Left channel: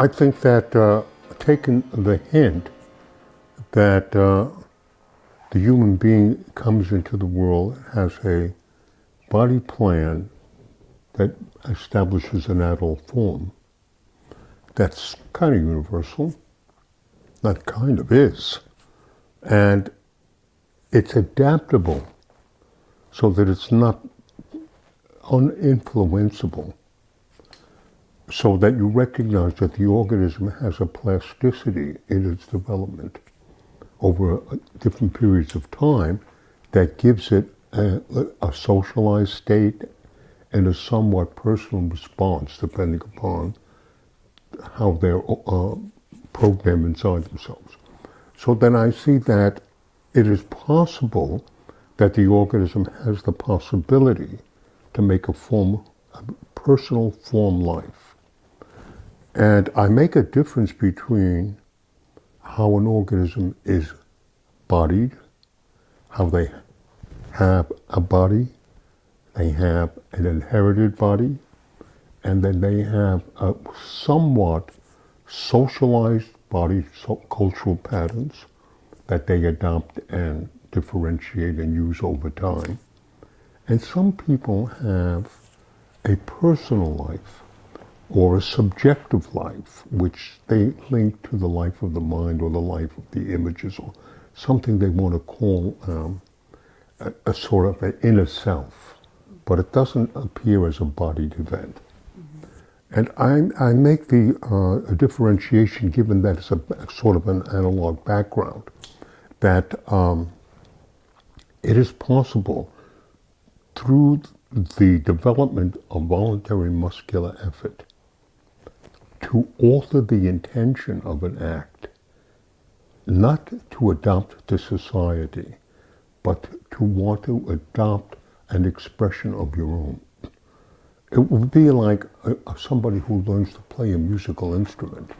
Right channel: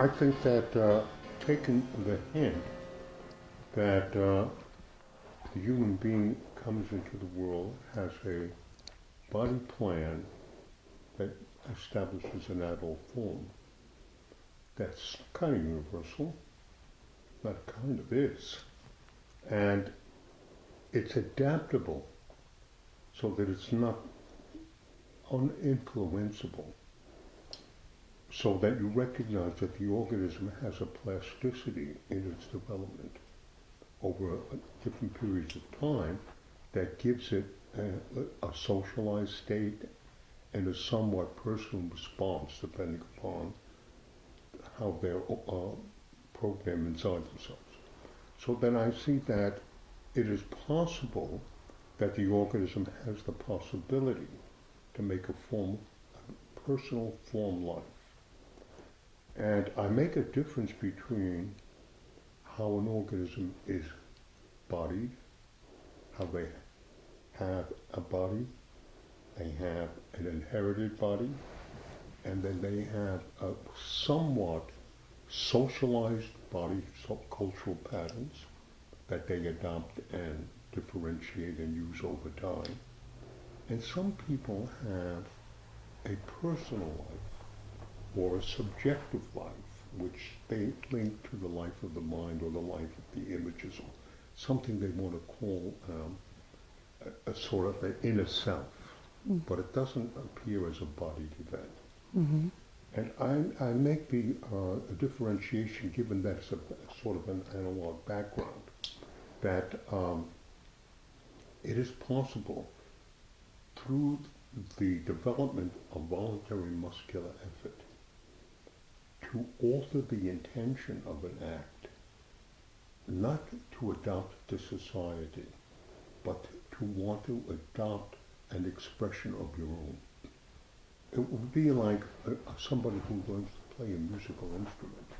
I think that taking the hint that the human being comes into the world, has a body plan that establishes an adult form, that's kind of universal, that kind of is, and it's adaptable so that it's not uninfluenceable, so that you recognize that the organism has a plasticity in its development over different periods of time that gives it a socialized state and a somewhat personal response depending upon how they're programmed inside themselves. So then I see that it is possible that the organism has the possibility to make a personal form life. And I make a difference between how an organism is bodied, how they have a body, they have an inherited body, and then they have a somewhat socialized body, cultural patterns that they adopt and differentiate and use over time. And some people have a personal life or a subjective life, which they link to the life of the mind or the life of the images or something they want to call a sort of an inner self, but it doesn't appear as a bodied event. Mm-hmm. And I make the differentiation, given that it's a sort of an analog background, that it is possible through the development of voluntary muscular effort to alter the intention of an act, not to adopt to society, but to want to adopt an expression of your own. It would be like somebody who learns to play a musical instrument,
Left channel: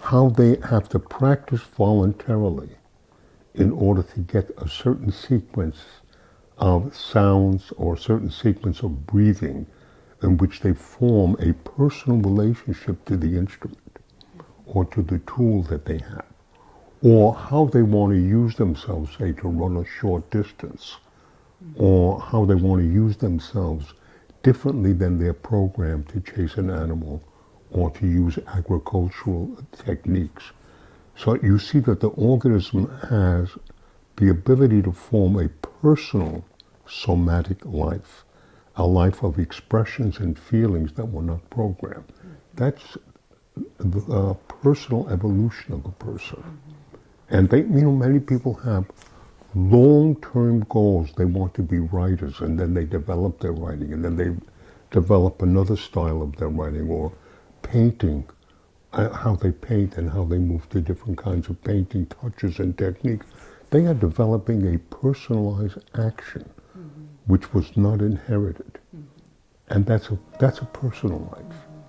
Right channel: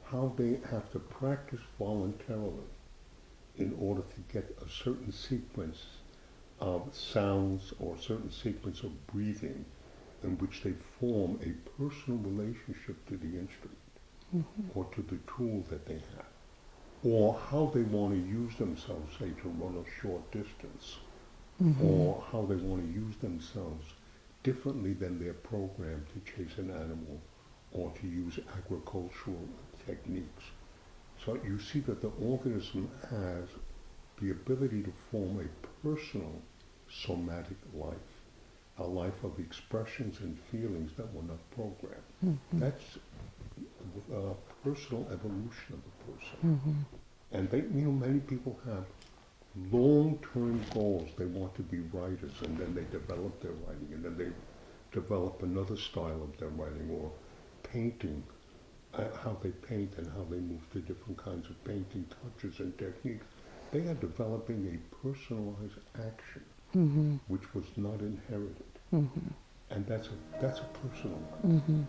how they have to practice voluntarily in order to get a certain sequence of sounds or a certain sequence of breathing in which they form a personal relationship to the instrument or to the tool that they have, or how they want to use themselves, say, to run a short distance, or how they want to use themselves differently than they're programmed to chase an animal or to use agricultural techniques. So you see that the organism has the ability to form a personal somatic life, a life of expressions and feelings that were not programmed. Mm-hmm. That's the personal evolution of a person. Mm-hmm. And many people have long-term goals. They want to be writers, and then they develop their writing, and then they develop another style of their writing, or painting, how they paint and how they move to different kinds of painting touches and techniques. They are developing a personalized action, which was not inherited. Mm-hmm. And that's a personal life. Mm-hmm.